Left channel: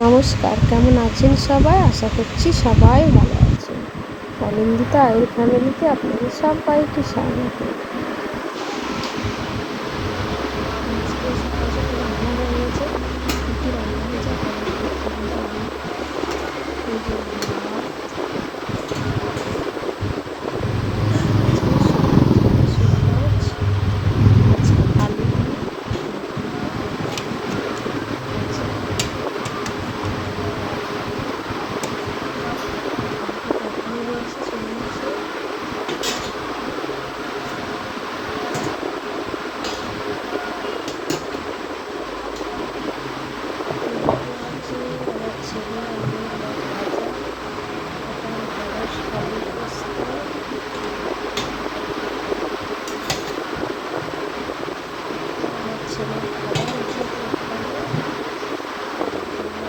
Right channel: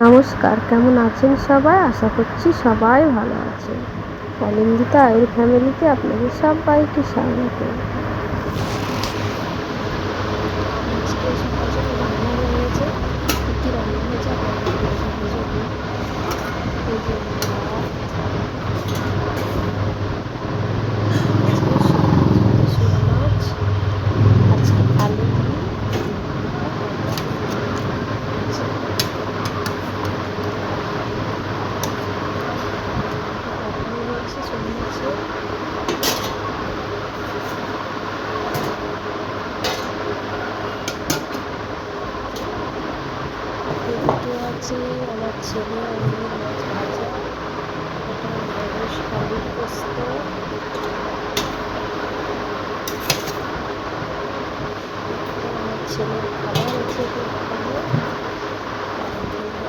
নমস্কার, কেমন আছেন সবাই? আশা করছি সবাই ভালো আছেন। অনিন্দিতা আয়ের ফ্যামিলিতে আপনাদের সবাইকে স্বাগত আজকে সকাল সকাল রান্না হয়ে গেছে কী কী রান্না হয়েছে আপনাদের দেখে বুঝাবো এই যে ভাত আজকে শোল মাছ আজকে আলু দিয়ে তরকারি রয়েছে শোল মাছের আছে আমার ছেলে আলুর মাছ ভাজা, এটা ঢেঁড়স আলু পোস্ত। আমার ছেলের খাবার আছে এখানে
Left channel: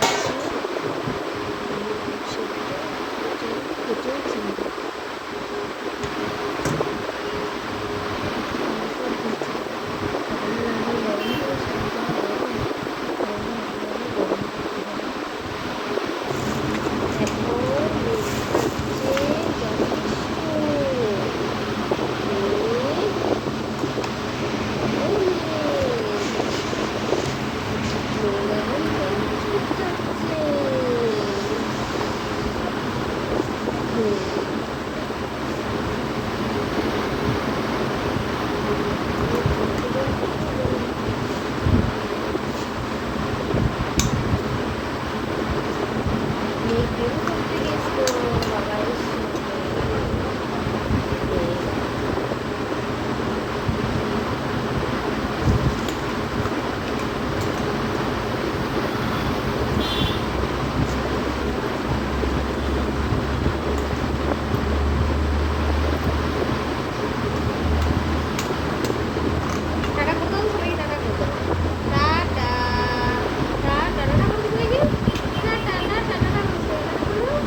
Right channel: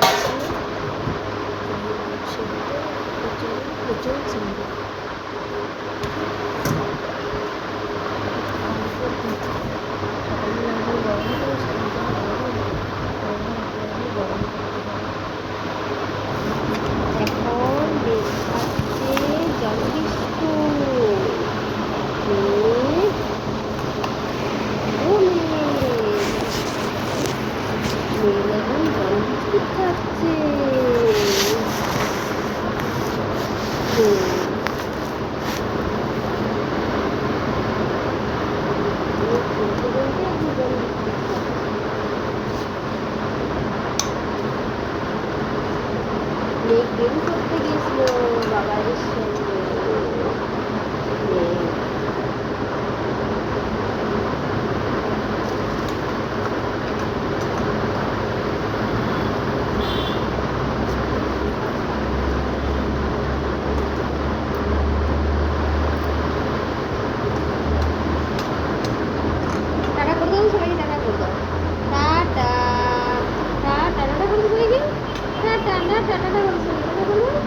আছে এঁচড় চিংড়ি তারপর দিচ্ছি সকালে যখন গরম করে সেই যা গরম আর এখানে একেবারে গরম করতে হবে এখন বেল খাচ্ছে জানিস তো এ, ও মেয়ে, মেয়ে এখন জল খাচ্ছে হুম মেয়ে গেম করতে গেছিল বাবাইয়ের সঙ্গে হুম। টাটা করে দাও সবাইকে টাটা করে দাও টাটা টাটা টাটা করে দাও সবাইকে টাটা টাটা টাটা করে দাও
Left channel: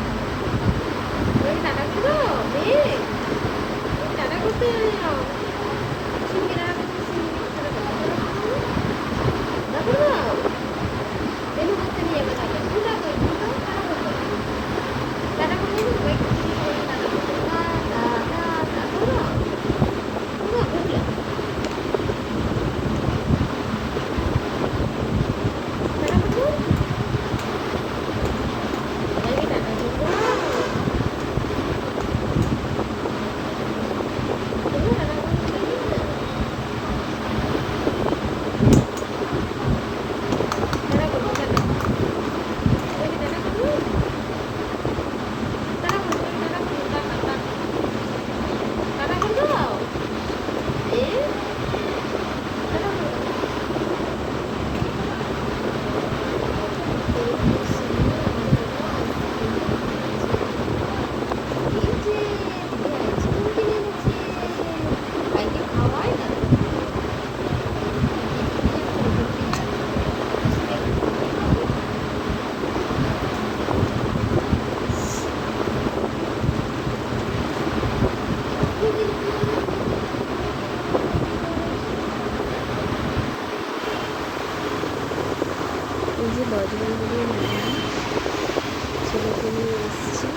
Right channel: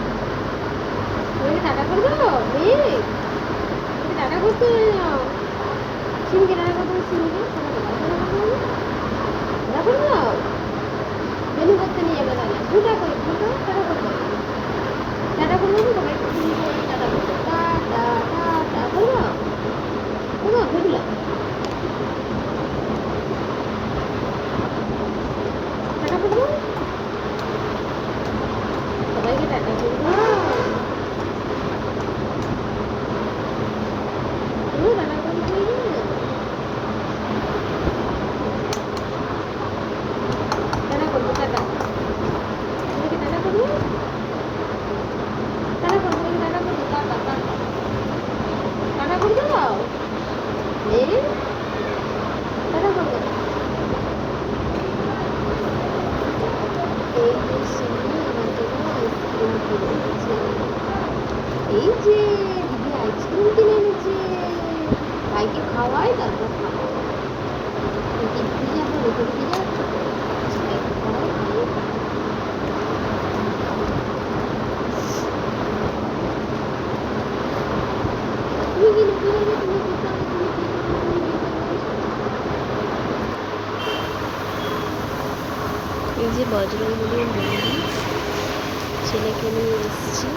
সবাইকে টাটা করে দাও মেয়ে টাটা করতে যাও সিমিকে টাটা করে দাও সিমিকে টাটা করে দাও টাটা করে দাও টাটা করে দাও বেনু করতে নিয়ে যাবে তাহলে দুটা করে দুটা টাটা করে দাও টাটা করে দাও সবাইকে সিমি সবাইকে টাটা করে দাও টাটা টাটা করে দাও করে দাও করে দাও টাটা করে দাও সবাইকে টাটা করে দাও তুমিও টাটা করে দিলে টাটা করে দাও টাটা সবাইকে টাটা করে দাও টাটা করে সবাইকে টাটা করে দাও টাটা টাটা টাটা করে দাও এ টাটা করে দাও এই যে সিমি আমার জন্য আইসক্রিম কিনে এনেছে এই যে দিদি আইসক্রিম কিনে এনেছে ভাইকে খাওয়াই তারপর খাব দিদি এখন রেখে দিয়ে যাচ্ছে ভাইকে খাওয়াই তারপর খাব। তুমি কি লিখতে পারবে? তুমি কি করবে? তুমি কি করবে? এই যে বজরংবলীর মন্দির। ছেলেকে নিয়ে এসেছি।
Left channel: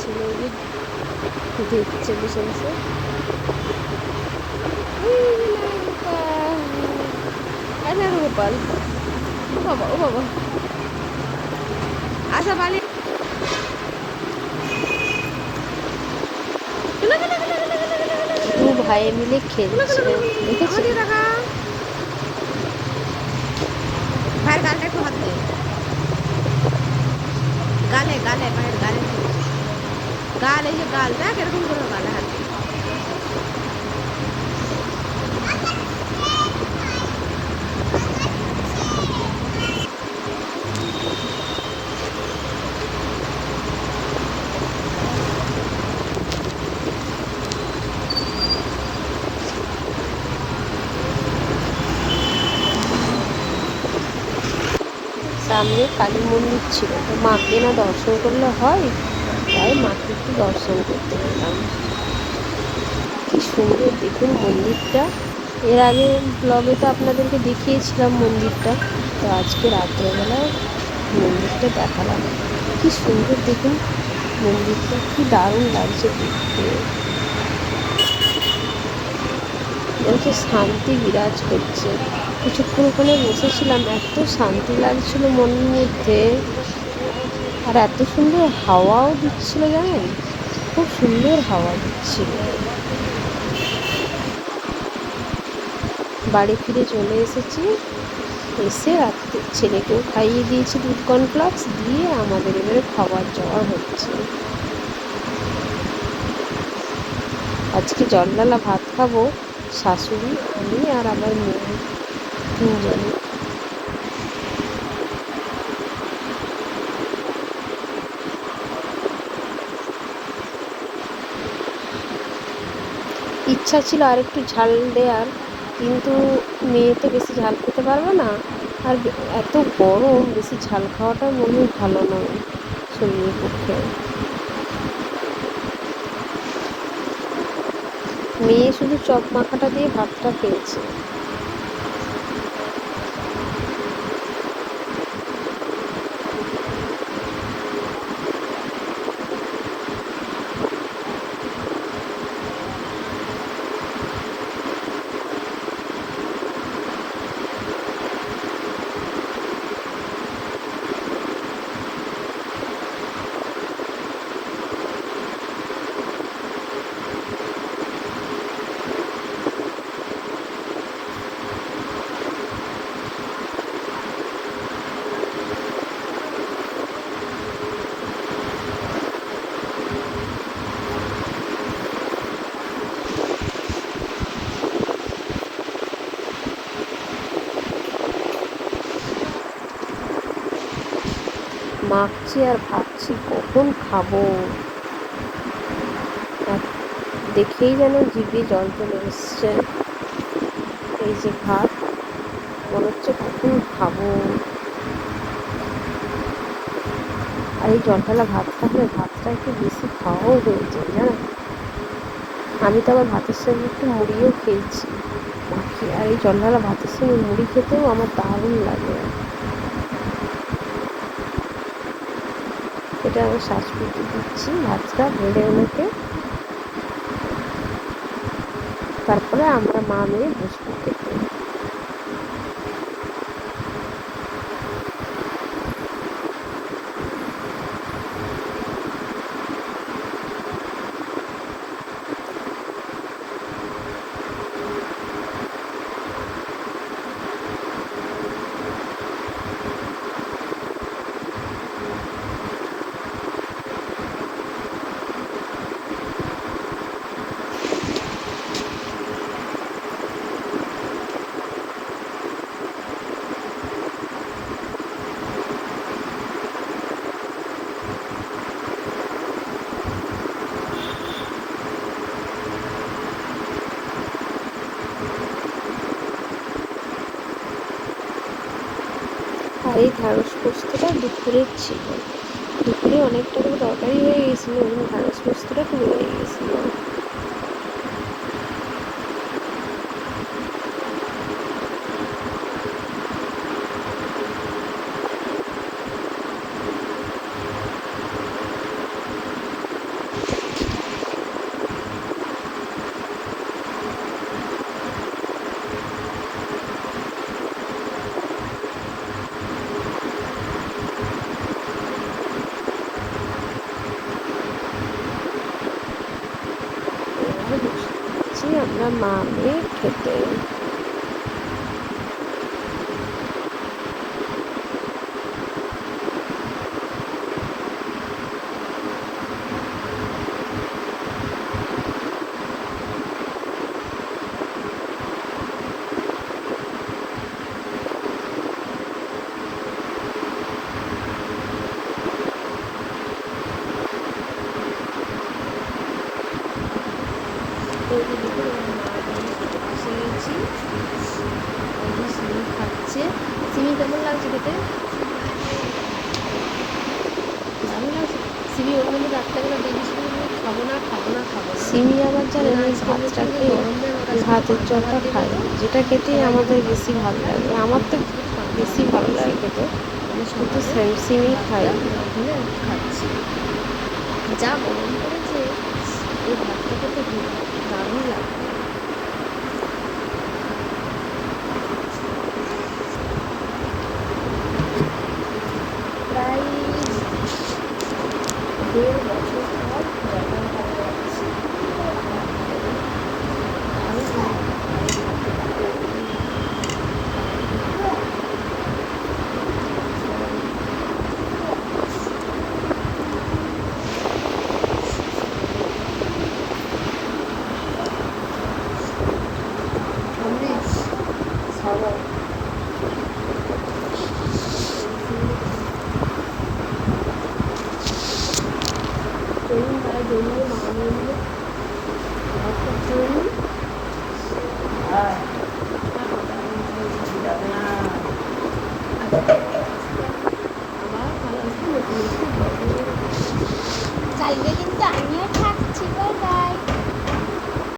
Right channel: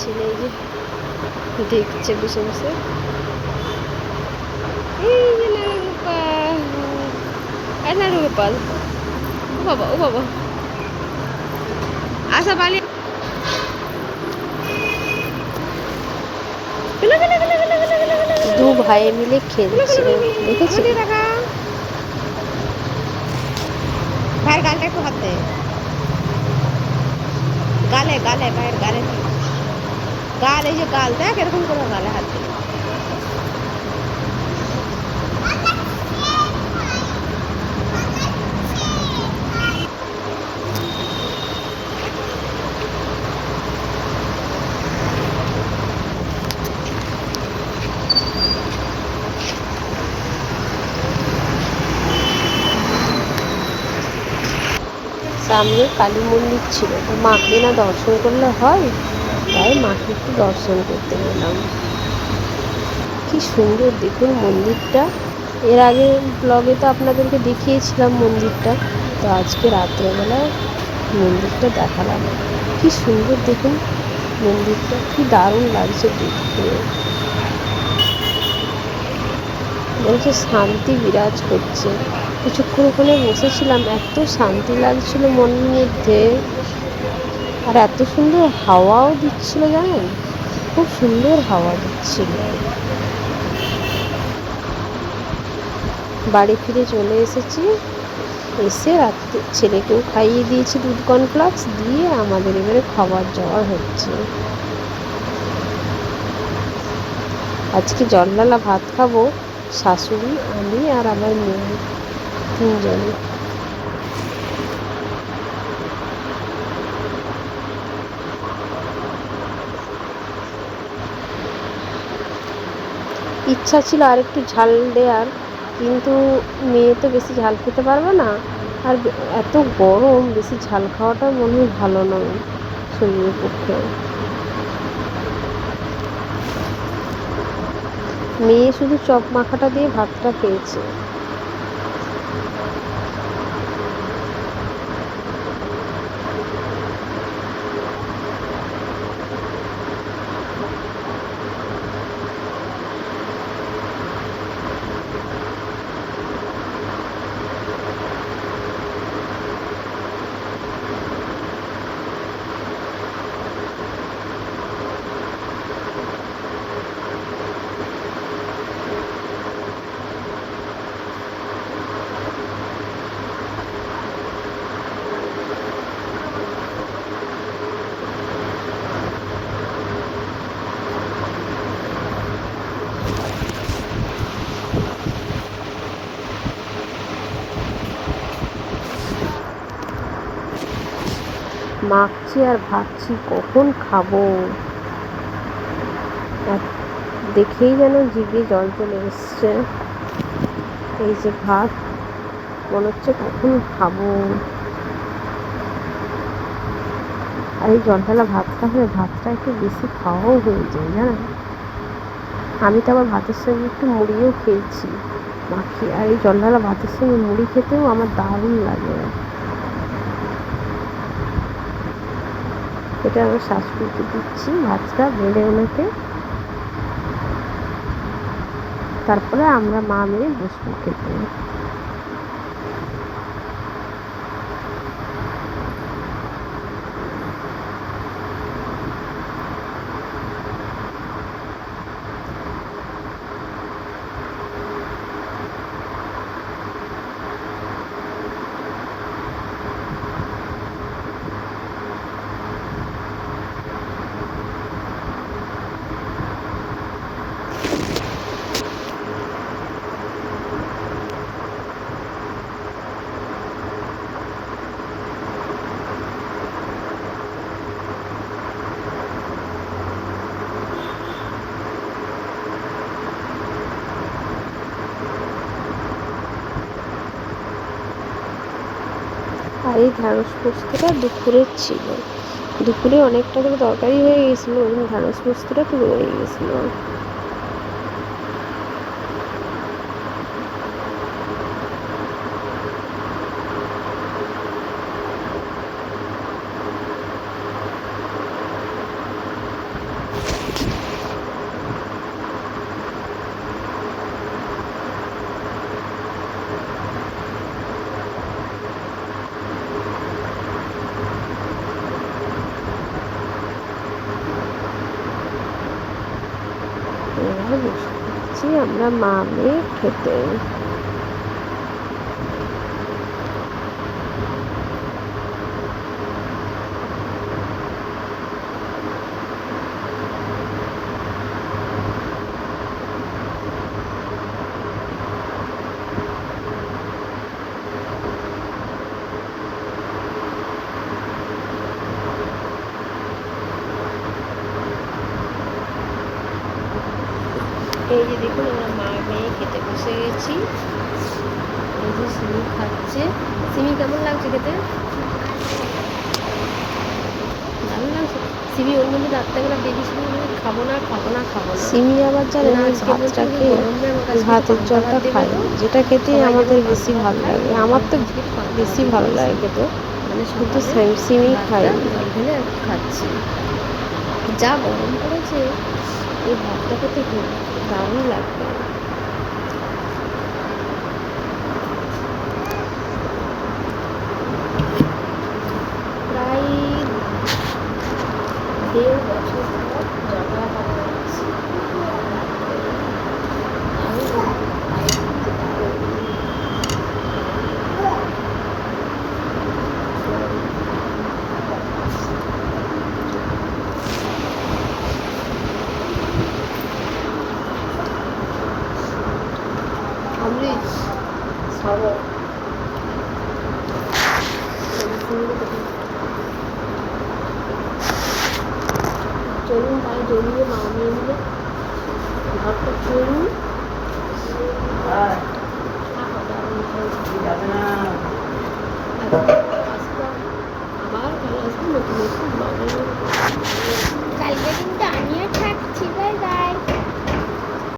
ছেলে দেখছে বসে বসে। এই যে নানা গোপাল। আর গোপাল। ও বাবা ও বাবা। আশা পালি দু ভাই মিলে খেলছে। দেখেছি? ভাইয়ের গালটা একটু হাত দে গালে গালে ভাইয়ের গালে দি। গাল এই যে গাল দেখ এরকম করে গালে হাত দে সামনে কালী মন্দির ছিল। তো মাকে না দর্শন করলে হয়, তাই মাকে একটু দর্শন করতে গেলাম। কি সুন্দর দেখুন মন্দিরটা। এর আগে ব্লগে তো আপনাদেরকে দেখিয়েছিলাম মন্দিরটা। তো আজকে রাত্রেবেলা মন্দিরটা দেখালাম। কি সুন্দর দেখুন মন্দিরটা, কি দারুণ লাগছে দেখতে। সে শান্তি বিরাজ করছে। কিছুক্ষণ ওখানে বসেছিলাম, এত শান্তি লাগছিল মনের মধ্যে। আর এত সুন্দর হাওয়াও দিচ্ছিল, জানেন? খুব সুন্দর হাওয়া দিচ্ছিল। বাড়ি ফিরে চলে এসেছি। এসে রাত্রে ছেলেকেও খাইয়ে দিয়েছি দুধ কর্নফ্লাক্স দিয়ে, আমাদের এবারে খাবার যাওয়ার হচ্ছে। আজকে জলডালা ভাত খাব, শাশুড়ি, আমি আর আমার মেয়ে। তিনজনে ইচ্ছা ছিল আর একটু ঝাল দেওয়ার কিন্তু মেয়ে তো বেশি ঝাল খেতে পারবে না। আর এত গরম, বেশি ঝাল খাওয়াটা মনে হয় ভালো নয় শরীরের পক্ষে। মেয়ে শুধু চপ মাখাটা দিয়ে ভাতটা খেয়েছে। মাখছি আর ভাবছি কখন খাব। আর দেখেই যেন জিভে জল চলে এসছে। এই যে ভাত, মনে হচ্ছে কখন খাব। আর এই জলঢালা ভাতটা হলে ভাতটা একটু বেশি খাওয়াও হয়ে যায় জানেন আমি তো আবার ভাতের সঙ্গে একটু মুড়িও খেয়েছি, মাখি। আর এই জলঢালা ভাতের সঙ্গে মুড়ি খেতেও আমার দারুণ লাগে। এটা আমার শাশুড়িকে দিচ্ছি মাছটা বেড়ে এনেতে। তারপরে আমরা মা মেয়ে বসবো খেতে এই ঢ্যাঁড়স পোস্তটা দুপুরের ছিল। দুপুরে অনেকটা করে তরকারি হয়ে গেছিল, ওই জন্য ঢ্যাঁড়স পোস্তটা একটু রয়ে গেছিল। বসে আমরা মা মেয়ে খেতে এই যে দেখুন আমরা মা মেয়ে খেতে বসে গেছি এই যে সিমি খাচ্ছে সিমি কেমন লাগছে খেতে? দারুণ লাগছে। সিমি ওর মধ্যে ডাক্তারগুলো দেখেছিল খাব না খাব না খাব না। সিমি আবার জানেন ওই আজকে বলছে ভাতটাকে যে গরম নেই, আমার কাছে ভাতের জলটা খাই যেটা খেতে আমাদের বেশি ভালো লাগে। আমার তো বেশি ভালো লাগে। খেতে মানে সকালে স্যামসিংই খাই ভাতটা খাচ্ছি। যা গরম পড়েছে এই ভাতটা খেতে দারুণ লাগবে প্রায় দেড় বছর পর জগা ভাত খাচ্ছি দারুণ দারুণ অমৃত খাব চলুন তাই জমিয়ে মা নিয়ে নিলে ঘরটা খেয়ে নিই আবার কাল আসব নতুন একটু ব্লগে কালকে কিন্তু আমিও